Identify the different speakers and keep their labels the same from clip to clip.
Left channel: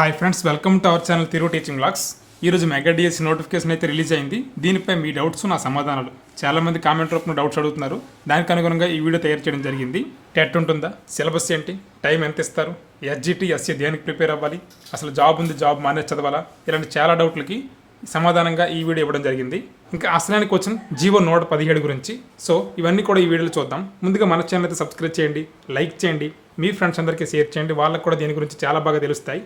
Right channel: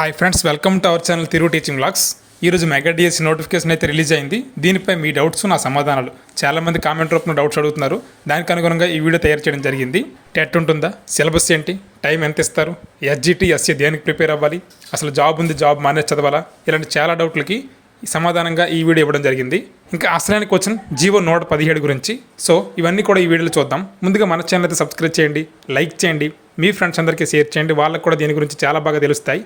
Speaker 1: Hi friends welcome to our channel తిరుగు teaching blogs ఈరోజు mega DSC notification అయితే release అయింది. దీనిపై మీ డౌట్స్ నా సమాధానాలు. చాలామంది కామెంట్ రూపంలో డౌట్స్ అడుగుతున్నారు. దానికి అనుగుణంగా ఈ వీడియో తయారు చేయడం జరిగింది. టెట్ ఉంటుందా? సిలబస్ ఏంటి? టైం ఎంత ఇస్తారు? ఎస్జిటి ఎస్సీ దేనికి ప్రిపేర్ అవ్వాలి? అసలు జాబ్ ఉంది జాబ్ మానేజ్ చదవాలా? ఇలాంటి చాలా డౌట్లకి సమాధానంగా ఈ వీడియో ఇవ్వడం జరిగింది. ఇంకా అసలైన క్వశ్చన్ జీవో నూట పదిహేడు గురించి. సో ఇవన్నీ కూడా ఈ వీడియోలో చూద్దాం. ముందుగా మన ఛానల్ అయితే సబ్స్క్రైబ్ చేయండి లైక్ చేయండి. మీ ఫ్రెండ్స్ అందరికీ షేర్ చేయండి. వాళ్ళకు కూడా దీని గురించి చాలా బాగా తెలుస్తాయి.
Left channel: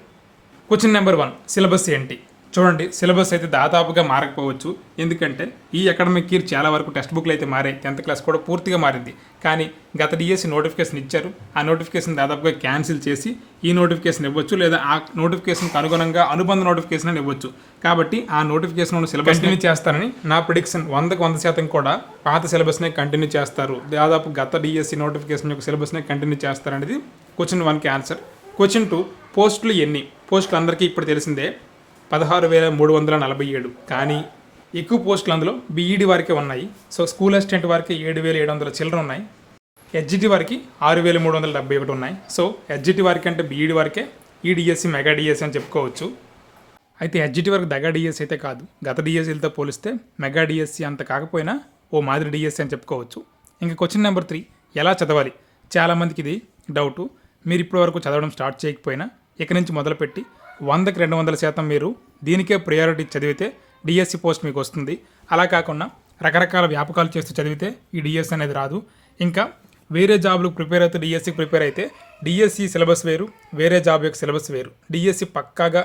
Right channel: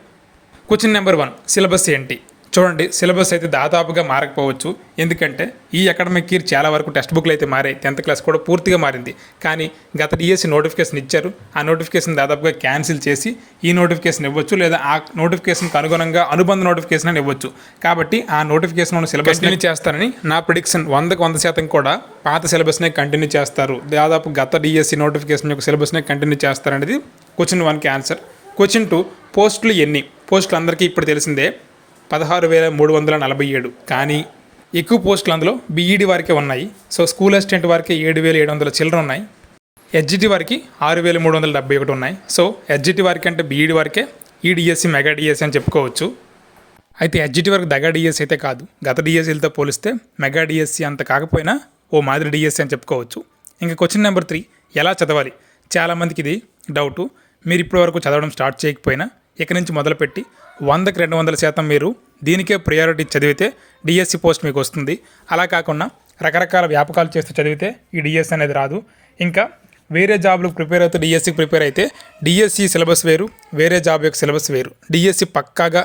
Speaker 1: క్వశ్చన్ నెంబర్ వన్ సిలబస్ ఏంటి? చూడండి సిలబస్ అయితే దాదాపుగా మారకపోవచ్చు. ఎందుకంటే ఈ అకాడమిక్ ఇయర్ చాలా వరకు టెక్స్ట్ బుక్లు అయితే మారాయి. టెన్త్ క్లాస్ కూడా పూర్తిగా మారింది. కానీ గత డిఎస్సి నోటిఫికేషన్ ఇచ్చారు. ఆ నోటిఫికేషన్ దాదాపుగా క్యాన్సిల్ చేసి ఈ నోటిఫికేషన్ ఇవ్వచ్చు. లేదా ఆ నోటిఫికేషన్కి అనుగుణంగా అనుబంధ నోటిఫికేషన్ అని ఇవ్వచ్చు. కాబట్టి ఆ నోటిఫికేషన్ ఉన్న సిలబస్ కంటిన్యూ చేస్తారని నా ప్రిడిక్షన్ వందకు వంద శాతం కూడా పాత సిలబస్నే కంటిన్యూ చేస్తారు. దాదాపు గత డిఎస్సి నోటిఫికేషన్ యొక్క సిలబస్నే కంటిన్యూ చేస్తారనేది క్వశ్చన్ వన్కి ఆన్సర్ క్వశ్చన్ టూ పోస్టులు ఎన్ని? పోస్టులు అందరికీ ఇప్పుడు తెలిసిందే. పదహారు వేల మూడు వందల నలభై ఏడు. కానీ ఎక్కువ పోస్టులు అందులో బీఈడి వారికే ఉన్నాయి. సో స్కూల్ అసిస్టెంట్ వారికి ఏడు వేల ఏడు వందల చిల్లర ఉన్నాయి. హెచ్జిటి వారికి ఆరు వేల మూడు వందల డెబ్బై ఒకటి ఉన్నాయి. సో హెచ్జిటి వారికి అంటే బీఈడి వారికే ఈడిఎస్సి మెగా డిఎస్సి అని చెప్పుకోవచ్చు. అయితే హెచ్జిటి వరకు దగా డిఎస్సి అయితే కాదు. గత డిఎస్సీలతో పోలిస్తే మెగా డిఎస్సి అంత కాకపోయినా ఓ మాదిరి డిఎస్సి అని చెప్పుకోవచ్చు. ఇంకా క్వశ్చన్ నెంబర్ త్రీ ఎలా చదవాలి? చాలామందికి ఇది డౌటు. మీరు ఇప్పటి వరకు చదవడం స్టార్ట్ చేయకపోయినా ఇక నుంచి మొదలుపెట్టి వందకి రెండు వందల శాతం మీరు దీనికే ప్రయారిటీ చదివితే డిఎస్సి పోస్ట్ మీకు వస్తుంది. అలా కాకుండా రకరకాల వ్యాపకాలు చేస్తూ చదివితే ఈ డిఎస్సి అనేది రాదు. ఇంకా వేరే జాబ్లకు ప్రిపేర్ అవుతూ డిఎస్సికి ప్రిపేర్ అయితే డిఎస్సి సిలబస్ వేరు వేరే జాబ్ యొక్క సిలబస్ వేరు. డిఎస్సి పక్కాగా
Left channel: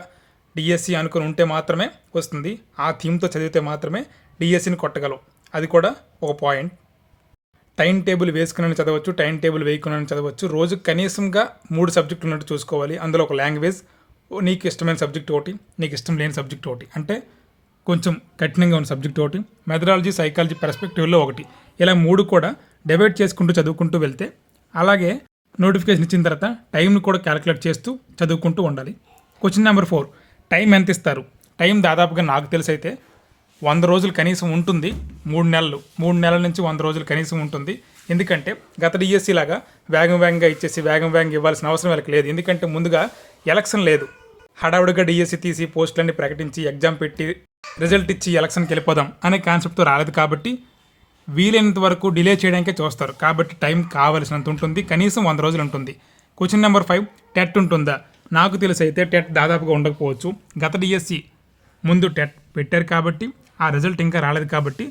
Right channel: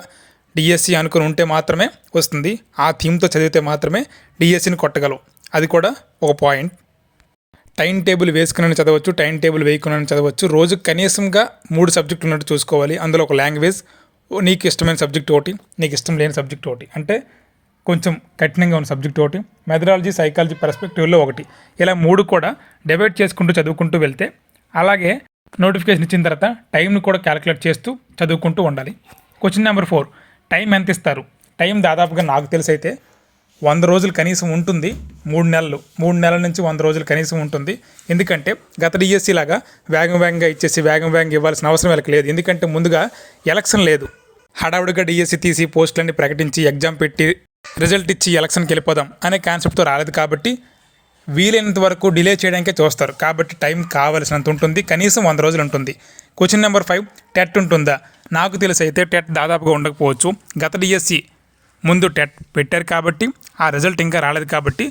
Speaker 1: డిఎస్సి అనుకుని ఉంటే మాత్రమే వస్తుంది. ఆ థీమ్తో చదివితే మాత్రమే డిఎస్సిని కొట్టగలవు అది కూడా ఒక పాయింట్ టైం టేబుల్ వేసుకుని చదవచ్చు టైం టేబుల్ వేయకుండా చదవచ్చు. రోజు కనీసంగా మూడు సబ్జెక్టులు ఉన్నట్టు చూసుకోవాలి. అందులో ఒక లాంగ్వేజ్ నీకు ఇష్టమైన సబ్జెక్ట్ ఒకటి నీకు ఇష్టం లేని సబ్జెక్ట్ ఒకటి. అంటే కొంచెం కఠినంగా ఉన్న సబ్జెక్ట్ ఒకటి. మెథడాలజీ సైకాలజీ పర్స్పెక్టివ్లో ఒకటి. ఇలా మూడు కూడా డివైడ్ చేసుకుంటూ చదువుకుంటూ వెళ్తే అలాగే నోటిఫికేషన్ ఇచ్చిన తర్వాత టైంని కూడా క్యాలిక్యులేట్ చేస్తూ చదువుకుంటూ ఉండాలి. క్వశ్చన్ నెంబర్ ఫోర్ టైం ఎంత ఇస్తారు? టైం దాదాపుగా నాకు తెలిసి అయితే వంద రోజులు కనీసం ఉంటుంది మూడు నెలలు. మూడు నెలల నుంచి వంద రోజులు కనీసం ఉంటుంది. ఎందుకంటే గత డిఎస్సి లాగా వేగం వేగంగా ఇచ్చేసి వేగం వేగంగా ఇవ్వాల్సిన అవసరం వీళ్ళకి లేదు. ఎందుకంటే ముందుగా ఎలక్షన్ లేదు. హడావుడిగా డిఎస్సి తీసి పోస్టులన్నీ ప్రకటించి ఎగ్జామ్ పెట్టి రిజల్ట్ ఇచ్చి ఎలక్షన్కి వెళ్ళిపోదాం అనే కాన్సెప్ట్తో రాలేదు కాబట్టి వీలైనంత వరకు డిలే చేయడానికే చూస్తారు. కాబట్టి టైం కావలసినంత ఉంటుంది. కనీసం వంద రోజులు ఉంటుంది. క్వశ్చన్ నెంబర్ ఫైవ్ టెట్ ఉంటుందా? నాకు తెలిసి అయితే టెట్ దాదాపుగా ఉండకపోవచ్చు. గత డిఎస్సి ముందు టెట్ పెట్టారు కాబట్టి ఆ రిజల్ట్ ఇంకా రాలేదు కాబట్టి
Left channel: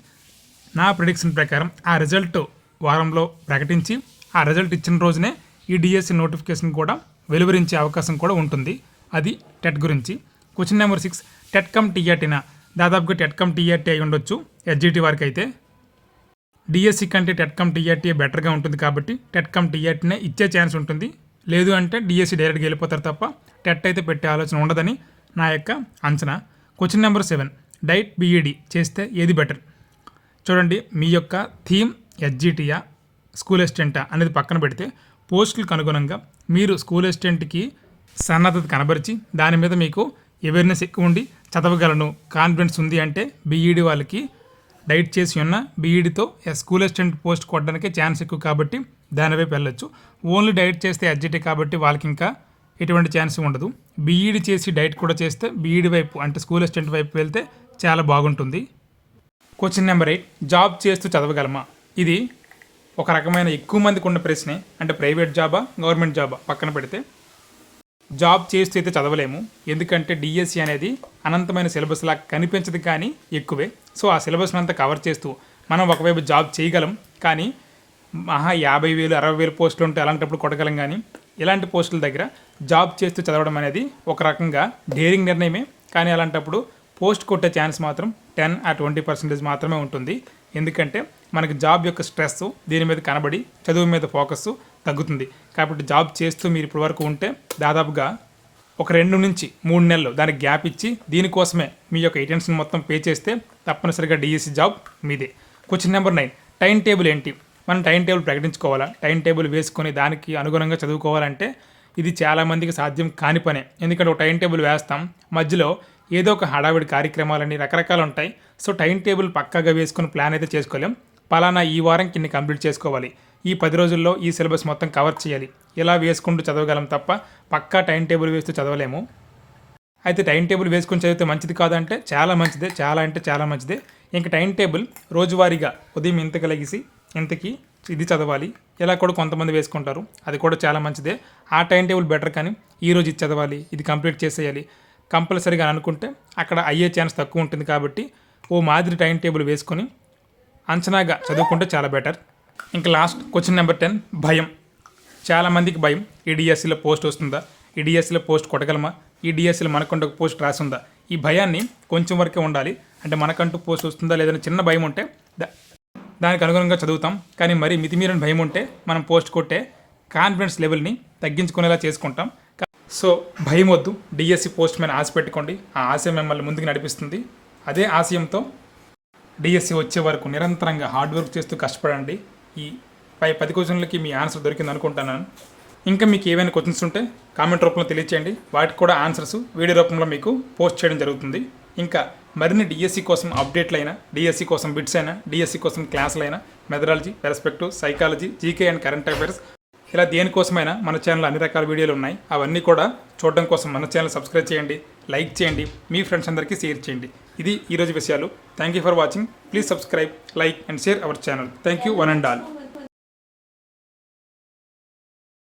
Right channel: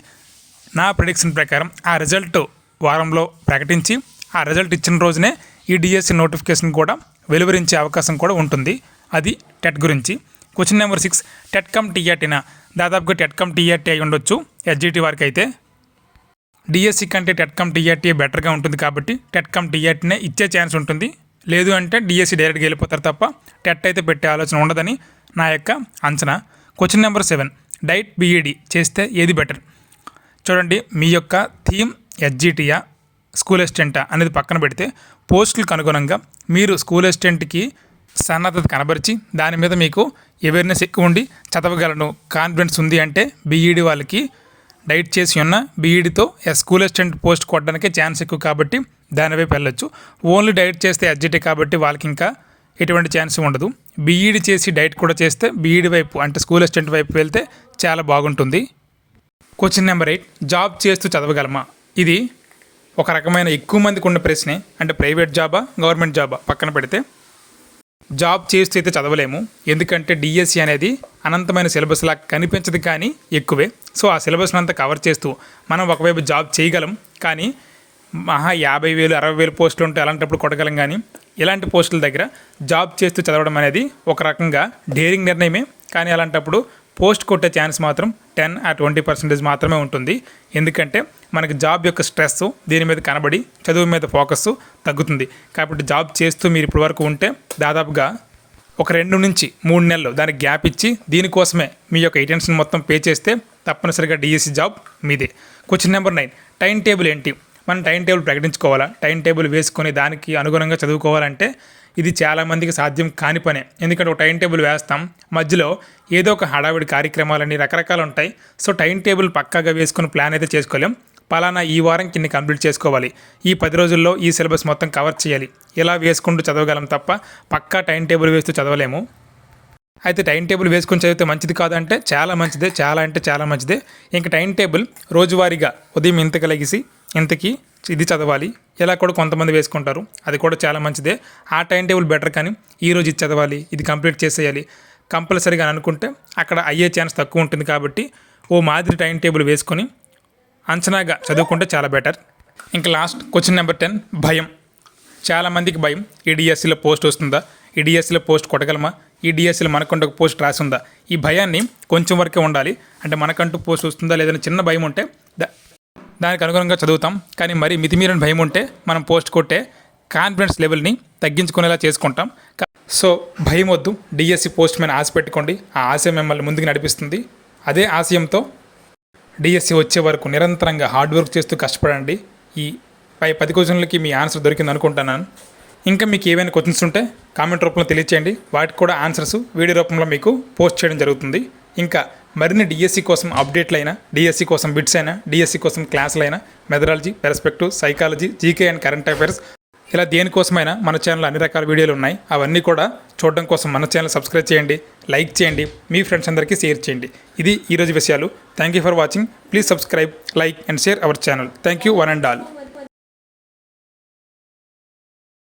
Speaker 1: నా ప్రిడిక్షన్ ప్రకారం ఆ రిజల్ట్ వారంలో ప్రకటించి ఆ రిజల్ట్ ఇచ్చిన రోజునే ఈ డిఎస్సి నోటిఫికేషన్ కూడా వెలువరించే అవకాశం కూడా ఉంటుంది. అది టెట్ గురించి. Question number six TET cum టీఆర్టీన దాదాపుగా టెట్ కమ్ టీఆర్టీ అయి ఉండొచ్చు. ఎస్జిటి వారికి అయితే డిఎస్సి కంటే టెట్ కమ్ టీఆర్టీ బెటర్గా ఉంటుంది కాబట్టి టెట్ కమ్ టీఆర్టీనే ఇచ్చే ఛాన్స్ ఉంటుంది. లేదు అంటే డిఎస్సి డైరెక్ట్గా వెళ్ళిపోతారు తప్ప టెట్ అయితే పెట్టే ఆలోచన ఉండదని నా యొక్క అంచనా. Question number seven DIET BEd చేస్తే ఏది బెటర్ చూడండి మీ యొక్క థీమ్ ఎస్జిటియా స్కూల్ అసిస్టెంటా అనేది పక్కన పెడితే పోస్టులకు అనుగుణంగా మీరు స్కూల్ అసిస్టెంట్కి సన్నద్ధత కనబరిచి దాని మీద మీకు అవేర్నెస్ ఎక్కువ ఉండి చదవగలను. కాన్ఫిడెన్స్ ఉంది అంటే బీఈడి వాళ్ళకి డైట్ చేసి ఉన్న బీఈడితో స్కూల్ అసిస్టెంట్ పోస్ట్ కొట్టడానికే ఛాన్స్ ఎక్కువ కాబట్టి దానివైపు వెళ్ళొచ్చు. ఓన్లీ డైట్ చేస్తే ఎడ్జిటీ కాబట్టి వాళ్ళకి ఇంకా ఎటువంటి ఛాన్స్ ఉండదు. బీఈడి చేసి డైట్ కూడా చేస్తే బీఈడి వైపు అంటే స్కూల్ అసిస్టెంట్ వైపు వెళ్తే చాలా బాగుంటుంది. క్వశ్చన్ నెంబర్ ఎయిట్ జాబ్ చేస్తూ చదవగలమా? ఇది ఒక రకమైన ఎక్కువ మందికి ఉన్న ప్రశ్నే అంటే ప్రైవేట్ జాబా గవర్నమెంట్ జాబా? పక్కన పెడితే జాబ్ చేస్తూ అయితే చదవలేము. ఎందుకంటే డిఎస్సి అనేది అనంతమైన సిలబస్లా కనిపించదు కానీ ఎక్కువే. సో ఆ సిలబస్ని అంతా కవర్ చేస్తూ మనం ఒకవైపు జాబ్ చేయగలం. కానీ మహా యాభై వేలు అరవై వేలు పోస్టులు ఉంటే అలాంటప్పుడు కొట్టగలం కానీ ఇలాంటి పోస్టుల దగ్గర జాబ్ చేస్తూ చదవడం అనేది ఒక రకంగా డేరింగ్ నిర్ణయమే. కానీ అలాంటప్పుడు పోస్ట్ కొట్టే ఛాన్స్ మాత్రం టెన్ ఆ ట్వంటీ పర్సెంటేజ్ మాత్రమే ఉంటుంది. ఎందుకంటే మనకి జాబ్ యొక్క స్ట్రెస్ దీని మీద కనబడి చదువు మీద ఫోకస్ తగ్గుతుంది. కాబట్టి జాబ్ చేస్తూ మీరు ఇప్పటి వరకు ఉంటే దాదాపుగా ఒక రెండు నుంచి మూడు నెలలు దానికి గ్యాప్ ఇచ్చి దీనికోసమే మీ యొక్క అటెన్షన్ మొత్తం పే చేస్తే తప్పనిసరిగా డిఎస్సి జాబ్ మీదే. Question number nine time table ఏంటి? మనం టైం టేబుల్ ప్రకటించుకోవాలా? టైం టేబుల్ వేసుకొని దానికి అనుగుణంగా చదువుకోవాలంటే ఇది చాలామందికి సాధ్యం కాని పనే. ఎందుకంటే ఒక టైం టేబుల్ వేస్తాం మధ్యలో ఏదో ఒక హడావిడి కార్యక్రమాలని రకరకాలు ఉంటాయి. సో టైం టేబుల్ పక్కాగా వేసుకుని ప్లాన్ అయితే చేసుకోలేం. పలానా ఈ వారం కింద కంప్లీట్ చేసుకోవాలి. ఈ పది రోజుల్లో ఈ సిలబస్ మొత్తం కవర్ చేయాలి. ఇలా వేసుకుంటూ చదవగలం తప్ప పక్కా టైం టేబుల్ వేస్తూ చదవలేము. అయితే టైం టేబుల్ వేసుకొని చదివితే మంచిది కాదంటే చాలా మంచిదే చాలా అంటే చాలా మంచిదే. ఇంకా టైం టేబుల్ రోజువారీగా ఉదయం ఇంతకి లెగిసి ఇంతకీ ఇది చదవాలి. ఇలా కూడా కొంతమంది వేసుకుంటారు. అది కూడా చాలా మంచిదే. ఆ టైం టేబుల్ బెటర్ కానీ ఈ రోజు ఇది చదవాలి. ఇది కంప్లీట్ చేసేయాలి. కంపల్సరీగా అనుకుంటే అక్కడ అయ్యే ఛాన్స్ తక్కువ ఉంటుంది కాబట్టి ఓ మాదిరి టైం టేబుల్ వేసుకొని అంచనాగా చదువుకుంటే చాలా బెటర్. ఇంకా లాస్ట్ క్వశ్చన్ నెంబర్ టెన్ భయం. చాలామందికి భయం. ఈడిఎస్సీలో పోస్ట్ వస్తుందా? ఈడిఎస్సీలో పోస్ట్ కొట్టగలమా? ఈడిఎస్సీలో డిఎస్సిలో మనకంటూ ఒక పోస్ట్ రాసిందా? ఈ భయాన్ని కొంచెం వరకే ఉండాలి. అంటే మనకంటూ పోస్ట్ వస్తుందా? లేదని చిన్న భయం ఉంటే దానికి అనుగుణంగా చదువుతాం. కానీ మరి మితిమీరిన భయం ఉంటే మనం పోస్ట్ కొట్టే కాన్ఫిడెన్స్ లెవెల్ని తగ్గించుకునేలా చేసుకుంటాం. సో భయం వద్దు. డిఎస్సి పోస్ట్ మీద ఆశ పెట్టుకోండి. ఆ ఆశయం మిమ్మల్ని ముందుకు నడిపిస్తుంది. అదే ఆశయంతో డిఎస్సి వచ్చే వరకు నిరంతరంగా హార్డ్ వర్క్ చేస్తూ కష్టపడండి. ఈ పై పది క్వశ్చన్లకి మీ ఆన్సర్ దొరికింది అనుకుంటున్నాను. ఇంకా మీకు ఏవైనా క్వశ్చన్స్ ఉంటే కామెంట్ రూపంలో తెలియచేయండి. వాటికి కూడా ఆన్సర్స్ వీడియో రూపంలో మీకు పోస్ట్ చేయడం జరుగుతుంది. ఇంకా మరిన్ని డిఎస్సి కోసం అప్డేట్లు అయినా డిఎస్సి కోసం బిట్స్ అయినా డిఎస్సి కోసం క్లాసులు అయినా methodology perspective psychology GK and current affairs ఇలా దేనికోసమైనా మన ఛానల్ అన్ని రకాల వీడియోలు ఉన్నాయి. అవన్నీ కూడా చూడడం కోసం మన ఛానల్ సబ్స్క్రైబ్ చేయండి లైక్ చేయండి మీ ఫ్రెండ్స్ అందరికీ షేర్ చేయండి. ఇది ఈరోజు విషయాలు. Thank you for watching please subscribe like and share our channel thank you one and all